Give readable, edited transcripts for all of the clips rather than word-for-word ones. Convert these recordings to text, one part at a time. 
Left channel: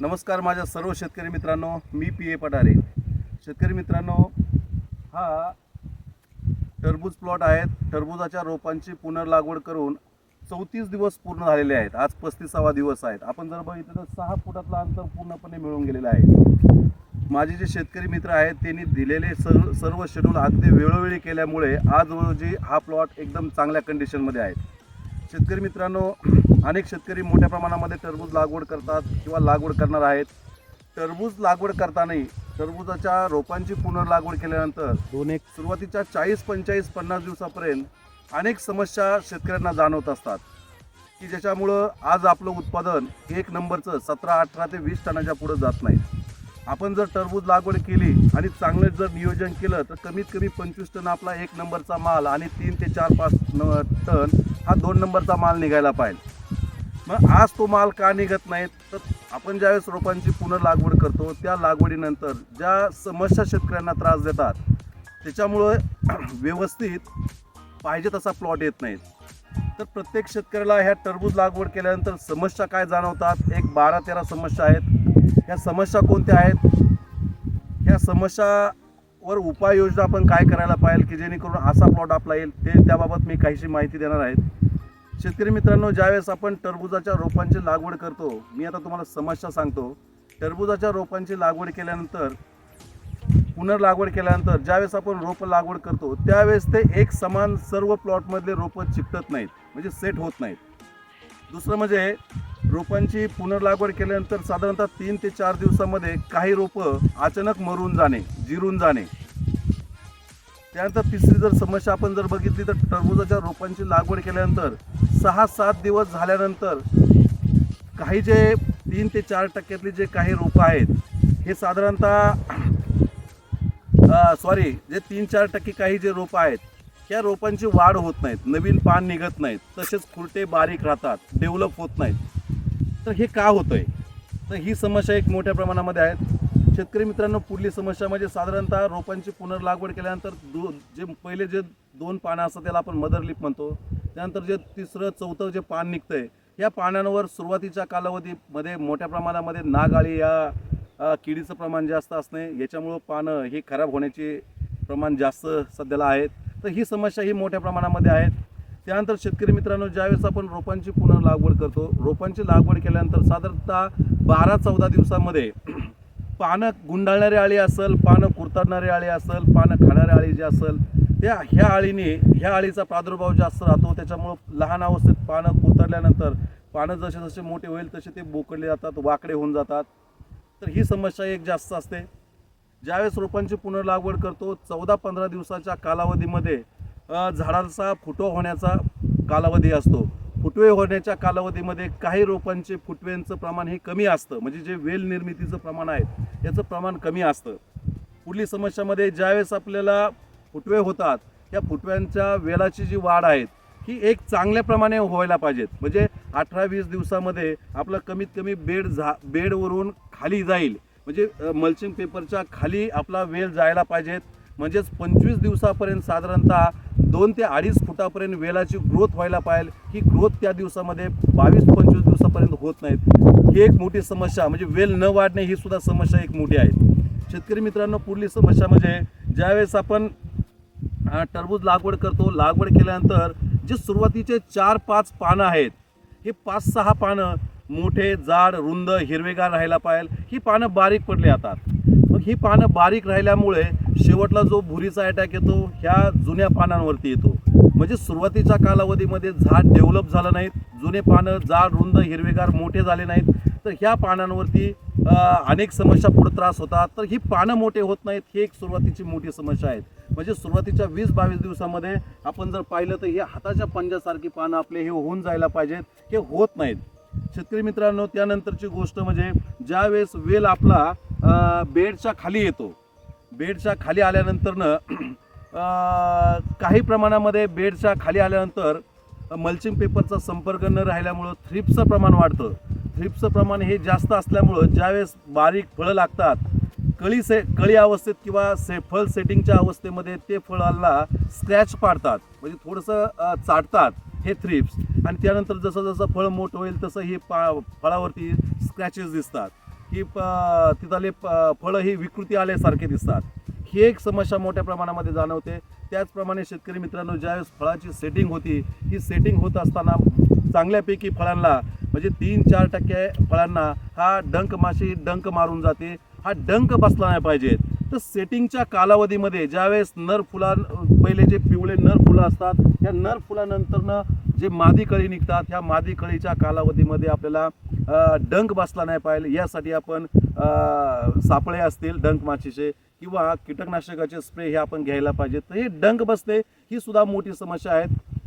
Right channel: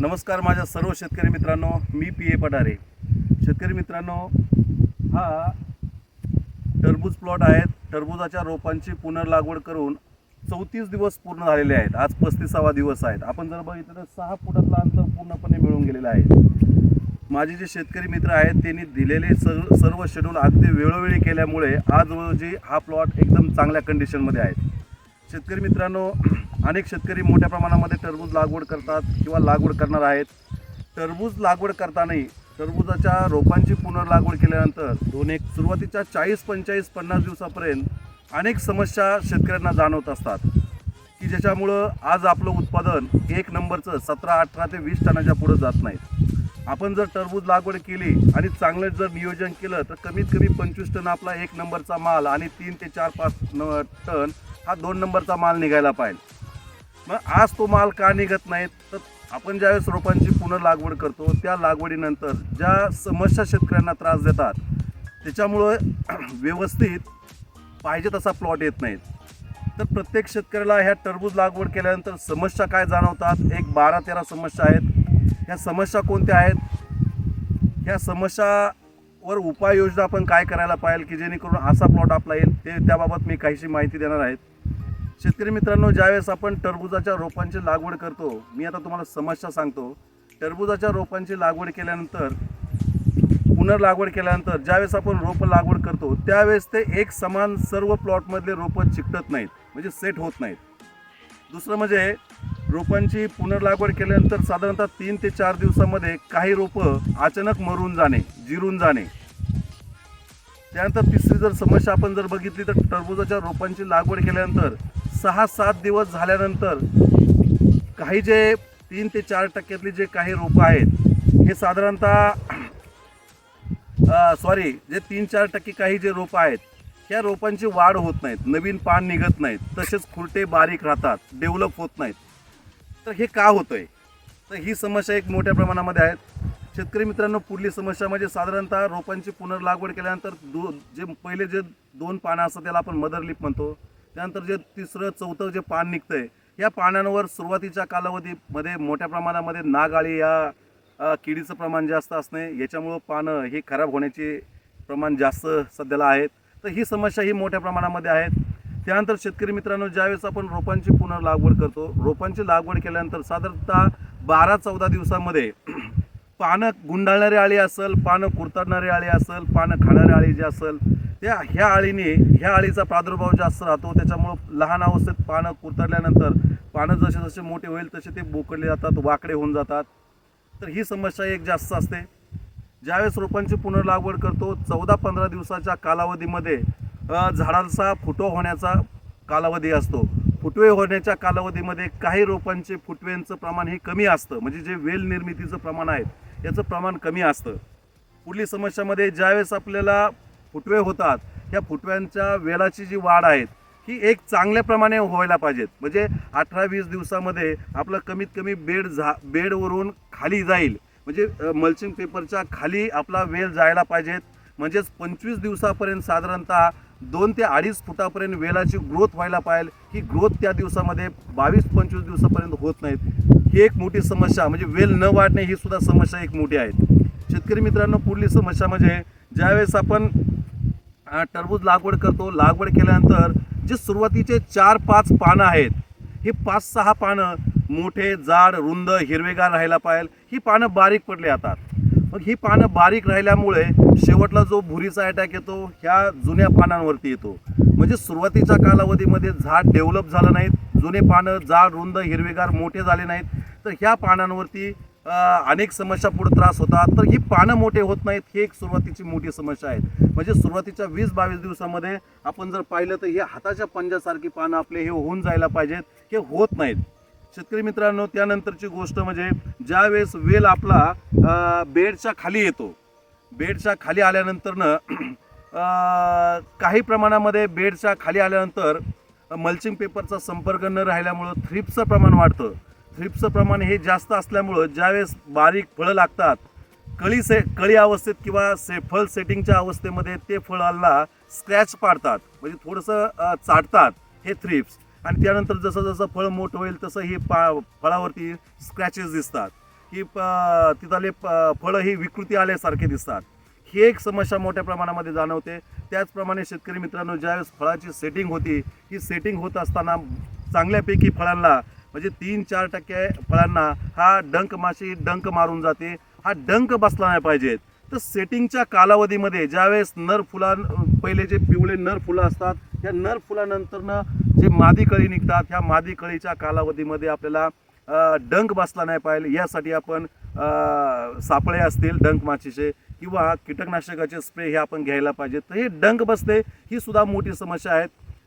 नमस्कार माझ्या सर्व शेतकरी मित्रांनो, मी पी.ए. पठारे. शेतकरी मित्रांनो, हा टरबूज प्लॉट आहेत. टरबूजाच्या रोपांची पुनर्लागवड करून 34 दिवस पूर्ण झालेले आहेत. आज 35वा दिवस आहेत. आपण जर बघितलं तर 6 फुटातलं अंतर पूर्णपणे मिळून गेलेलं आहे. माझे जे शेतकरी मित्र आहेत त्यांनी दिलेले सर्व शेड्यूल अगदी वेळोवेळी केल्यामुळे आज रोजी हा प्लॉट एकदम चांगल्या कंडिशनमध्ये आहे. शेतकरी मित्रांनो, अनेक शेतकरी मोठ्या प्रमाणामध्ये टरबूज लागवड करतात किंवा लागवड करणार आहेत. टरबूज लागवड करताना टरबूजाच्या रोपांची पुनर्लागवड केल्यानंतर सुरुवातीच्या 40, 45, 50 दिवसापर्यंत अनेक समस्या शेतकऱ्यांना जाणवत असतात की ज्याच्यामुळं आज आपलं उत्पादन एक नंबरचं 17, 18 ते 20 टनाच्या पुढे जात नाही. आपण जर टरबूज लागवड केली आणि चांगलं जर नियोजन केलं तर कमीत कमी 25 टन आपला एक नंबरचा माल आणि 3 ते 4, 5 टन हा 2 नंबरचा माल निघायला पाहिजे. मग आज तो माल का निघत नाहीत तर आपण ज्यावेळेस रोपांची पुनर्लागवड करतो त्या लागवडीनंतर ज्या समस्या शेतकऱ्यांना त्रास देतात त्याच्यामुळं व्यवस्थित पाहिजे तसा प्लॉट येत नाहीत. तर प्रत्येक शेतकऱ्याला ह्या टरबूज लागवड केल्यानंतर समस्या काय जाणवतात, एक 12-13 समस्या आहेत. ह्या समस्या कोणत्या आहेत, ह्या समस्यावर उपाययोजना आपण काय करायला पाहिजे की जेणेकरून असा प्लॉट आपला येईल त्याबाबत मी काहीशी माहिती देणार आहेत. शेतकरी मित्रांनो, ज्यावेळेस आपण टरबूजाच्या रोपांची लागवड करतो, मी आता तुम्हाला समस्या सांगतो. टरबूजाच्या रोपांची लागवड केल्यानंतर पुनर्लागवड केल्यानंतर ज्यावेळेस आपण रोपं लागवड करतो त्यावेळेस ते एक समान सर्व प्लॉटमधले रोपं चिकटत नाहीत, म्हणजे सेट होत नाहीत. दुसरं म्हणजे रोपांची पुनर्लागवड केल्यानंतर साधारणतः 3 ते 4 दिवसामध्ये काही रोपं अचानक मरून जाणे, जिरून जाणे. त्यानंतर तिसरी जर समस्या आपण जर बघितली तर टरबूजाच्या रोपांची लागवड केल्यानंतर 6-7 दिवस झाल्यानंतर काही जे 3 ते 4% जे काही रोपं आहेत हे साधारणतः जे 3-4% काही जे रोपं आहेत ह्या रोपांची वाढ होत नाहीत, नवीन पान निघत नाहीत, तसेच खुरटे बारीक राहतात, डेव्हलप होत नाहीत. तर हे का होतं आहे? तर ही समस्या एक मोठ्या प्रमाणामध्ये आहेत. शेतकरी मित्रांनो, पुढली समस्या म्हणजे साधारणतः रोपांची पुनर्लागवड केल्यानंतर जे पहिले जे 2 पानं असतात त्याला आपण मदर लिप म्हणतो. त्यानंतर जे 3रं 4थं जे पान निघतंय या पानांवर सुरुवातीच्या कालावधीमध्ये मोठ्या प्रमाणामध्ये नागाळी या किडीचं प्रमाण जास्त असणे, याच्यामुळं पानं हे खराब होण्याचे प्रमाण जास्त सध्याला आहेत. तर ही समस्या ही मोठ्या प्रमाणामध्ये आहेत. त्यानंतर शेतकरी मित्रांनो, ज्यावेळेस आपण रोपांची पुनर्लागवड करतो, रोपांची लागवड केल्यानंतर साधारणतः 12-14 दिवसामध्ये पानं गुंडाळणारी आळी असेल, पानं कुरतडणारी आळी असेल, पानं खाणारी आळी जी असेल ह्या आळीचा प्रादुर्भाव जास्त राहतो. त्याच्यामुळं लहान अवस्थेत पानं कुरतडल्यानंतर पानं जसे जसे मोठे होईल तसे ते बोकडले जातात, वाकडे होऊन जातात. तर ही समस्या एक जास्त असते. ज्यावेळेस रोपांची पुनर्लागवड करतो 14-15 दिवसाच्या कालावधीमध्ये झाडाचा फुटवा होण्याचा कालावधी असतो. फुटवे होण्याच्या कालावधीमध्ये काही रोपांचे फुटव्यांचं प्रमाण हे कमी असतं, म्हणजे जे वेल निर्मितीचं प्रमाण आहे याचं प्रमाण कमी असतं. पुढली समस्यामध्ये ज्यावेळेस आपल्याला फुटवे होतात ह्या फुटव्यांच्या वेलाची जी वाढ आहे ही एक चांगल्या प्रमाणे व्हायला पाहिजेत. म्हणजे 18-20 दिवसामध्ये आपलं कमीत कमी बेडवरून खाली जाईल, म्हणजे मल्चिंग पेपरच्या खाली आपला वेल जायला पाहिजेत. म्हणजेच 25 दिवसापर्यंत साधारणतः 2 ते 2.5 फुटापर्यंत वेलाची ग्रोथ व्हायला पाहिजे. ही ग्रोथ त्या दिवसामध्ये 22-25 दिवसापर्यंत होत नाहीत. ही एक मोठी समस्या, म्हणजे वेल न वाढणे ही सुद्धा समस्या एक मोठी आहे. शेतकरी मित्रांनो, पुढली समस्या म्हणजे ज्यावेळेस आपण टरबूज लागवड करतो, लागवड केल्यानंतर जे सुरुवातीचे 4-5 पानं आहेत हे 5-6 पानं मोठे, जाड, रुंद, हिरवेगार राहायला पाहिजे. ही पानं बारीक पडली जातात. मग ही पानं बारीक राहिल्यामुळे शेवटला जो भुरीचा अटॅक येतो ह्या जुन्या पानांवरती येतो. म्हणजे सुरुवातीच्या कालावधीमध्ये झाड डेव्हलप झालं नाहीत, जुने पानं जाड, रुंद, हिरवेगार, मोठे झाले नाहीत, तर ह्या पानांवरती अनेक समस्या पुढे त्रास होतात. तर ही पानं मोठे होत नाहीत, ही एक सुरुवातीची मोठी समस्या आहे. म्हणजे सुरुवातीच्या 20-22 दिवसामध्ये आपण जर पाहिलं तर हे हाताच्या पंजासारखी पानं आपले हे होऊन जायला पाहिजेत, हे होत नाहीत. शेतकरी मित्रांनो, त्यानंतरची गोष्ट म्हणजे ज्यावेळेस वेल आपला बेडच्या खाली येतो, बेडच्या खाली आल्यानंतरनं काही प्रमाणामध्ये बेडच्या खाली आल्यानंतर मल्चिंग पेपरचा संपर्क न राहिल्यामुळं थ्रिप्सचं प्रमाण वाढतं. थ्रिप्सचं प्रमाण हे जास्त असल्यामुळं ज्यावेळेस बारीक फळं लागतात, कळी अवस्थेत किंवा फळ सेटिंगच्या अवस्थेमध्ये ते फळाला स्क्रॅच पाडतात, म्हणजे थोडंसं चाटतात हे थ्रिप्स. आणि त्यानंतर जसं जसं फळ मोठं होईल तसं हे फळावरती स्क्रॅचेस दिसतात. की तिथले फळं ही विकृती आल्यासारखे दिसतात. ही एक समस्या मोठ्या प्रमाणामध्ये जाणवते. त्याचप्रमाणे शेतकरी मित्रांनो, ज्यावेळेस फळाची सेटिंग होती, ही सेटिंग होत असताना चांगल्यापैकी फळांना म्हणजे 3-4% फळांना हा डंक माशी डंक मारून जाते. हा डंक बसला नाही पाहिजेत. तर सेटिंगच्या कालावधीमध्ये ज्यावेळेस नर फुला पहिले जे पिवळे नर फुलं असतात, या नर फुलानंतरनं जे मादी कळी निघतात, ह्या मादी कळीच्या कालावधीमध्ये आपल्याला डंक बसला नाही पाहिजे यासाठी आपण सापळे असतील डंक माशीचे किंवा कीटकनाशकाचे स्प्रे हे आपण घ्यायला पाहिजे. तर हे डंक बसते ही सुद्धा मोठी समस्या आहे.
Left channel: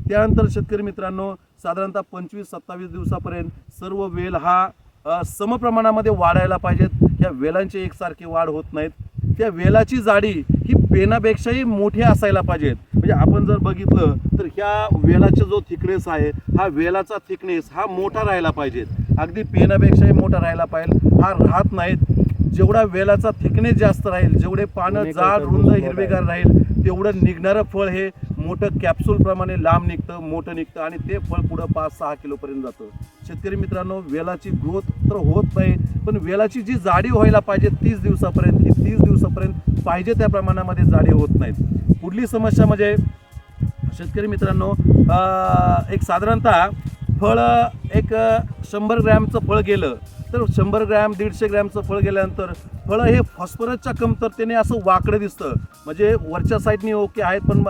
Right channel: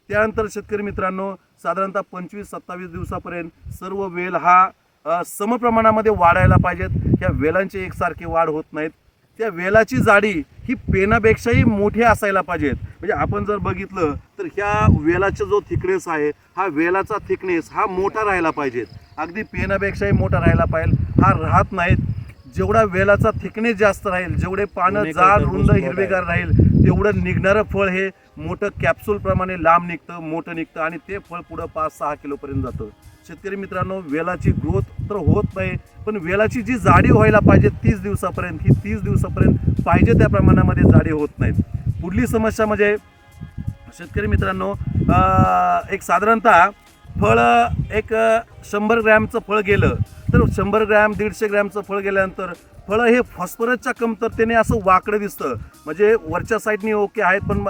त्यानंतर शेतकरी मित्रांनो, साधारणतः 25-27 दिवसापर्यंत सर्व वेल हा समप्रमाणामध्ये वाढायला पाहिजेत. ह्या वेलांची एकसारखी वाढ होत नाहीत. त्या वेलाची जाडी ही पेनापेक्षाही मोठी असायला पाहिजेत. म्हणजे आपण जर बघितलं तर ह्या वेलाचा जो थिकनेस आहे, हा वेलाचा थिकनेस हा मोठा राहायला पाहिजेत. अगदी पेनापेक्षाही मोठा राहायला पाहिजे, हा राहत नाहीत. जेवढा वेलाचा थिकनेस जास्त राहील, जेवढे पानं जाड रुंद हिरवेगार राहील, तेवढं निघणारं फळ हे मोठं कॅप्सूल प्रमाणे लांब निघतं, मोठं निघतं आणि ते फळ पुढं 5-6 किलोपर्यंत जातं. शेतकरी मित्रांनो, वेलाची ग्रोथ तर होत नाही, पण वेलाची जी जाडी व्हायला पाहिजे 30 दिवसापर्यंत, ही 30 दिवसापर्यंत पाहिजे त्या प्रमाणामध्ये जाडी होत नाहीत. पुढली समस्या म्हणजे शेतकरी मित्रांनो, एक साधारणतः फळ एक 100 ग्रॅमचं फळ गेलं तर 100 ग्रॅम 150 ग्रॅमचं फळ गेल्यानंतर फळं हे फॉस्फरसच्या कमतरतेने असं वाकडं दिसतं. म्हणजे वरच्या साईडनी ओके आहेत, पण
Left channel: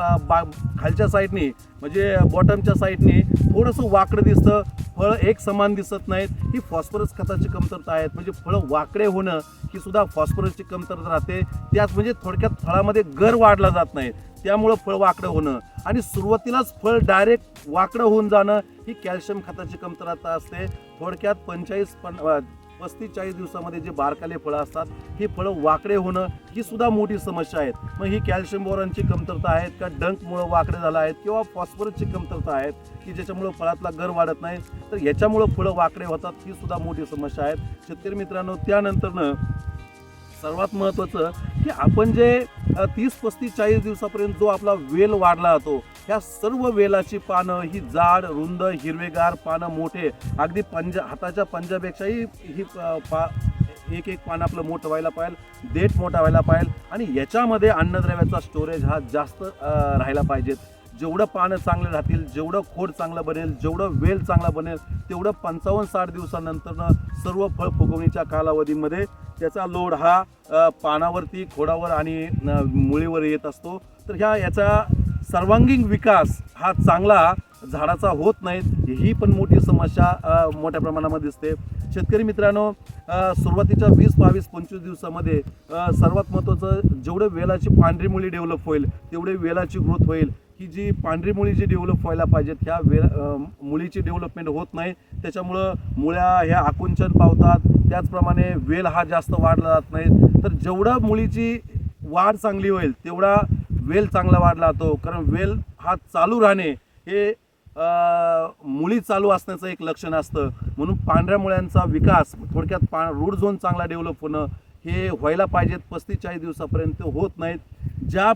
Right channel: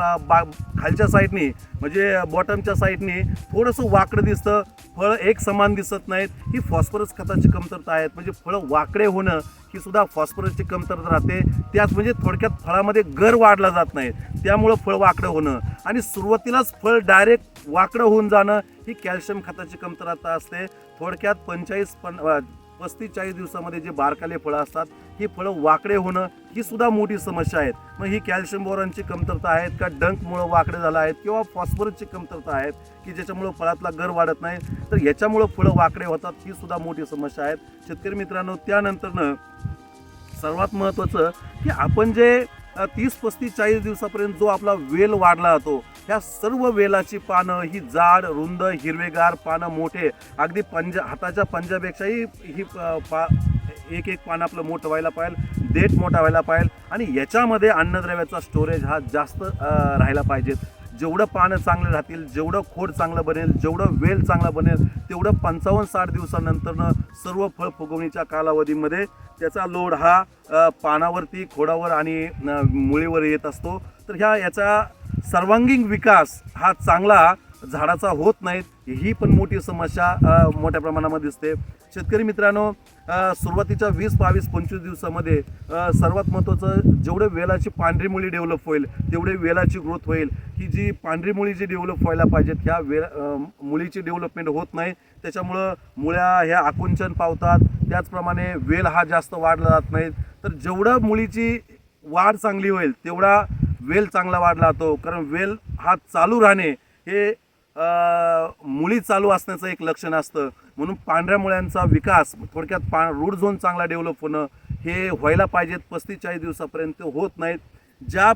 खालच्या साईडनी म्हणजे बॉटमच्या साईडनी थोडंसं वाकडं दिसतं. फळं एक समान दिसत नाहीत. ही फॉस्फरस खताची कमतरता आहेत. म्हणजे फळं वाकडे होणं ही सुद्धा फॉस्फरसची कमतरता राहते. त्याच म्हणजे थोडक्यात फळामध्ये गर वाढला जात नाही, त्यामुळं फळ वाकडं होणं आणि सुरुवातीलाच फळ डायरेक्ट वाकडं होऊन जाणं ही कॅल्शियम खताची कमतरता असते. थोडक्यात 35-40 दिवसामध्ये जे बारकाले फळं असतात, ही फळं वाकडे होणं ही सुद्धा मोठी समस्या आहे. मग ही कॅल्शियम बोरॉनची कमतरता आहेत का, डंकमुळं वाकडे झालं आहेत किंवा फॉस्फरसची कमतरता आहेत की ज्याच्यामुळं फळातला गर वाढत नाही, तर याच्यामुळं फळं वाकडे होतात, ही सुद्धा मोठी समस्या आहे शेतकरी मित्रांनो. त्यानंतरनं सर्वात महत्त्वाचं की आपण जे 30-35-40 दिवसापर्यंत जो आपला वेल वाढला जातो, ह्या सर्व वेलाची पानं ही जाड रुंद हिरवेगार, पानं मोठे, अगदी हाताच्या पंजापेक्षाही ही एक पान आपलं मोठं व्हायला पाहिजे, देठ मोठा व्हायला पाहिजे आणि याच्यामध्ये अन्नद्रव्याचा स्टोरेज हा जास्त राहायला पाहिजेत. जेवढं पानं चांगलं राहतील, जेवढं खोड चांगलं बनेल, जेवढं वेल चांगला बनेल, तेवढं 55-60 दिवसानंतरनं सर्व फळ फुगवणीच्या कालावधीमध्ये त्याचा लोड हा पानावरती, खोडावर आणि मुळीवर येत असतो. तर याचा सर्वांगीण विकास हा चांगला झाडाचा होत नाहीत, ही पण मोठी समस्या मोठ्या प्रमाणामध्ये दिसते. शेतकरी मित्रांनो, सुरुवातीच्या 20-22-25 दिवसामध्ये सर्वात महत्त्वाचं, जेवढे वेलाची पांढरी मुळी डेव्हलप होईल तेवढे वेलाची ग्रोथ होईल. ही जी पांढरी मुळी जी डेव्हलप व्हायला पाहिजेत, ह्या मुळीची डेव्हलपमेंट होत नाही. त्याच्यामुळं मुळ्या ह्या आकुंचन पावतात, त्याचप्रमाणे वेल हा जास्त वाढला जात नाही. तर जेवढं मुळीची वाढ चांगली होईल तेवढा वेल चांगला वाढला जातो. कारण वेल हा चालू राहणे हे मुळी चालू असण्याचं एक लक्षण असतं. म्हणून पांढऱ्या मुळ्यांचा विकास थोडक्यात रूट झोन चांगला डेव्हलप होणं हे व्हायला पाहिजेत. 35-40 दिवसापर्यंत होत नाहीत. ज्या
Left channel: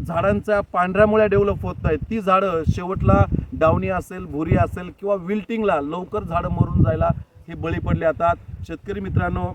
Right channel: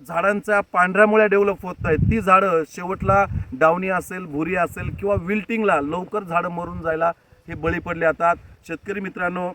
झाडांच्या पांढऱ्या मुळ्या डेव्हलप होत नाहीत ती झाडं शेवटला डावणी असेल, भुरी असेल किंवा विल्टिंगला लवकर झाडं मरून जायला हे बळी पडले जातात. शेतकरी मित्रांनो,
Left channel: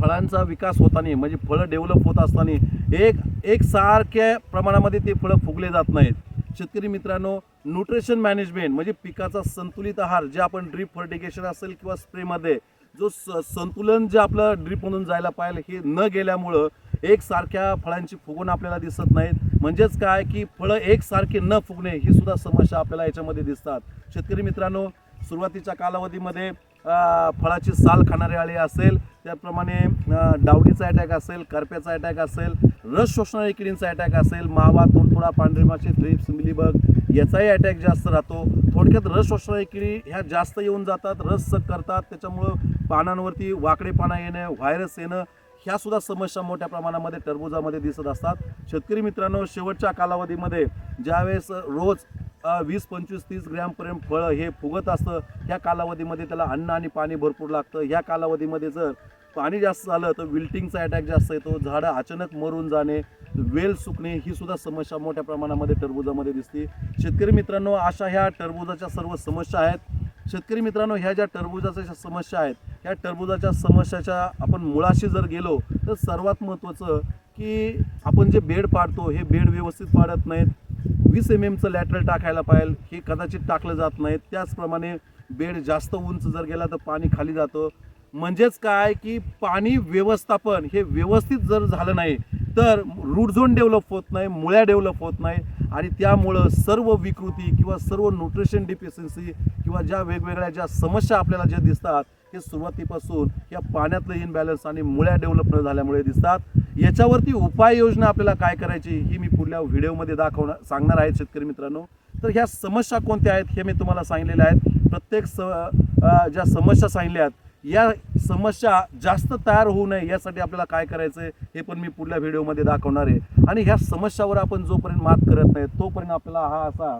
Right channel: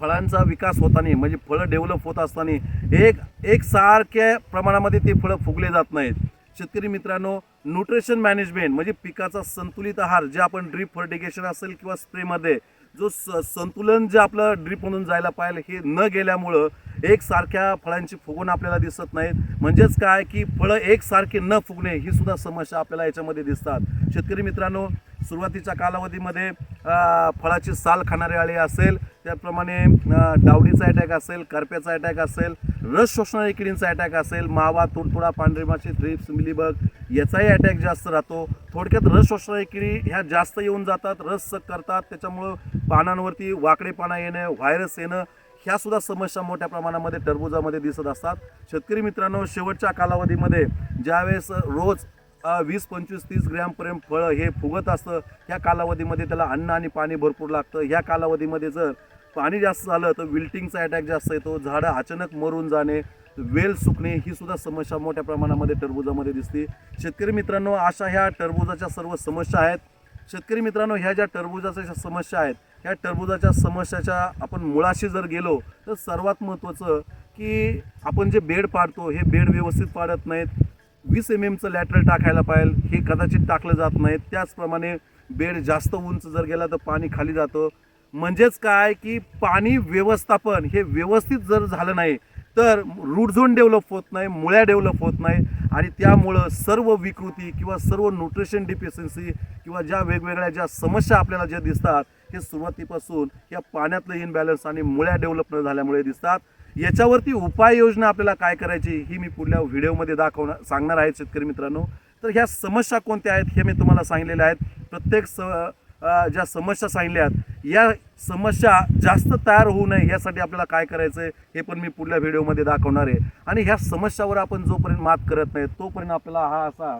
फळांचा विकास होताना म्हणजे फळं डेव्हलप होत असताना एक सारख्या प्रमाणामध्ये ते फळं फुगले जात नाहीत. शेतकरी मित्रांनो, न्यूट्रिशन मॅनेजमेंट म्हणजे पिकाचा संतुलित आहार, जे आपण ड्रीप फर्टिगेशन असेल किंवा स्प्रेमध्ये जो संतुलन जे आपलं ड्रीपमधून जायला पाहिजे हे न गेल्यामुळं एकसारख्या फळांची फुगवण आपल्याला दिसत नाहीत. म्हणजेच काय की फळं एकसारखे न फुगणे ही सुद्धा समस्या आपल्याला याच्यामध्ये दिसतात. शेतकरी मित्रांनो, सुरुवातीच्या कालावधीमध्ये फळाची साल खाणारे आळे असेल, त्याप्रमाणे डावडीचा अटॅक असेल, करप्याचा अटॅक असेल, रस शोषणारी किडींचा अटॅक असेल, मावा, तुडतुडा, पांढरी माशी, थ्रिप्स, मिलीबग याचाही अटॅक जास्त राहतो. थोडक्यात रस शोषणारी किडी ह्या जास्त येऊन जातात, रस सक करतात, त्याच्यामुळं पानांवरती वाकडेपणा येणं, व्हायरस येणं ह्या सुद्धा समस्या मोठ्या प्रमाणामध्ये टरबुजामध्ये दिसत असतात. शेतकरी मित्रांनो, शेवटच्या कालावधीमध्ये ज्यावेळेस रोज 20-25-30 ग्रॅमपर्यंत फळं हे फुगत असतं, ह्या कालावधीमध्ये त्याला अन्न आणि पाणी भरपूर लागतं. ह्या कालावधीमध्ये जर पाणी जास्त झालं तर विल्टिंगचा अटॅक जास्त येतो, झाडं अचानक मरून जाणे, वेल सुकणे ही सुद्धा समस्या मोठ्या प्रमाणामध्ये टरबुजामध्ये दिसते. शेतकरी मित्रांनो, अशा ह्या टरबुजाच्या सर्व समस्या आहेत. शेतकरी मित्रांनो, ह्या ज्या टरबूजाच्या ज्या समस्या आहेत, ह्या टरबूजाच्या समस्याच्या आपण मुळाशी जर गेलो तर सर्वात महत्त्वाचं की आपण जे बेड पाडतो हे बेड व्यवस्थित पाडत नाहीत. 20 mm लॅटरल टाकायला पाहिजे, हे कदाचित टाकलं जात नाही. त्याचप्रमाणे बेड जास्त उंच जर गेला तर पाणी खाली जातं. म्हणजेच काय की पाणी व्यवस्थापन हे व्यवस्थित जर झालं नाही तर रूट झोन डेव्हलप होत नाही, मुळ्या डेव्हलप होत नाही आणि त्यामुळं सर्व विकृती किंवा सर्व न्यूट्रिशन डिफिशियन्सी किंवा ज्या वेगवेगळ्या ज्या समस्या आपल्याला ज्या दिसतात हे सुरुवातीपासून या पाण्यातलं इनबॅलन्स आणि मुळ्या डेव्हलप न झाल्यामुळे दिसतात. याच्यावरती उपाययोजना आपल्याला काय करायची ही मी पुढल्या व्हिडिओमध्ये सांगणार आहे शेतकरी मित्रांनो. तर ह्या समस्या कोणत्या आहेत हे मी तुम्हाला सांगितलेल्या आहेत. प्रत्येक ज्या समस्या सांगितल्या आहेत या समस्या जास्त तयार होऊ नये यासाठी आपल्याला काय करायचं आहे हे पण मी पुढल्या व्हिडिओमध्ये दाखवणार आहे. आणि ह्या समस्यावर आपण जोपर्यंत मात करत नाही तोपर्यंत आपल्याला हा असा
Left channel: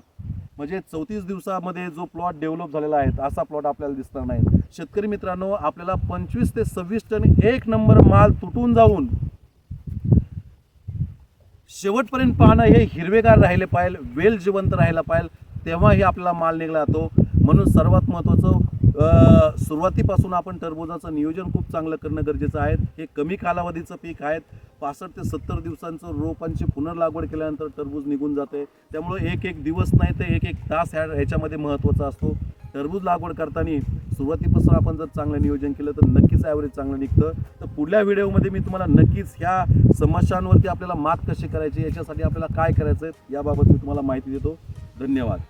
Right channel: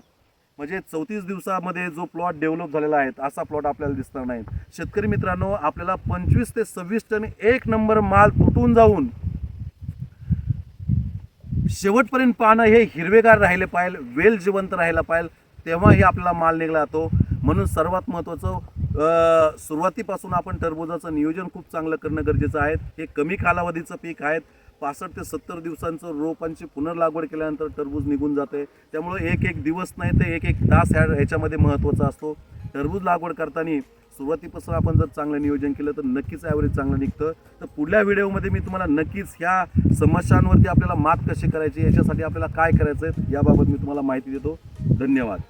म्हणजे 34 दिवसामध्ये जो प्लॉट डेव्हलप झालेला आहे असा प्लॉट आपल्याला दिसणार नाही. शेतकरी मित्रांनो, आपल्याला 25 ते 26 टन एक नंबर माल तुटून जाऊन शेवटपर्यंत पानं हे हिरवेगार राहिले पाहिजे, वेल जिवंत राहायला पाहिजे, तेव्हा हे आपल्याला माल निघला जातो. म्हणून सर्वात महत्त्वाचं सुरुवातीपासून आपण टरबूजाचं नियोजन खूप चांगलं करणं गरजेचं आहे. हे कमी कालावधीचं पीक आहे. 65 ते 70 दिवसांचं रोपांची पुनर्लागवड केल्यानंतर टरबूज निघून जाते. त्यामुळे एक दिवस नाही तर एक तास ह्याच्यामध्ये महत्त्वाचा असतो. टरबूज लागवड करताना सुरुवातीपासून आपण जर चांगलं नियोजन केलं तर नक्कीच ॲव्हरेज चांगलं निघतं. तर पुढल्या व्हिडिओमध्ये मी तुम्हाला नक्कीच ह्या समस्यांवरती आपल्याला मात कशी करायची, याच्यासाठी आपल्याला काय करायचं आहे याबाबत मी तुम्हाला माहिती देतो. धन्यवाद.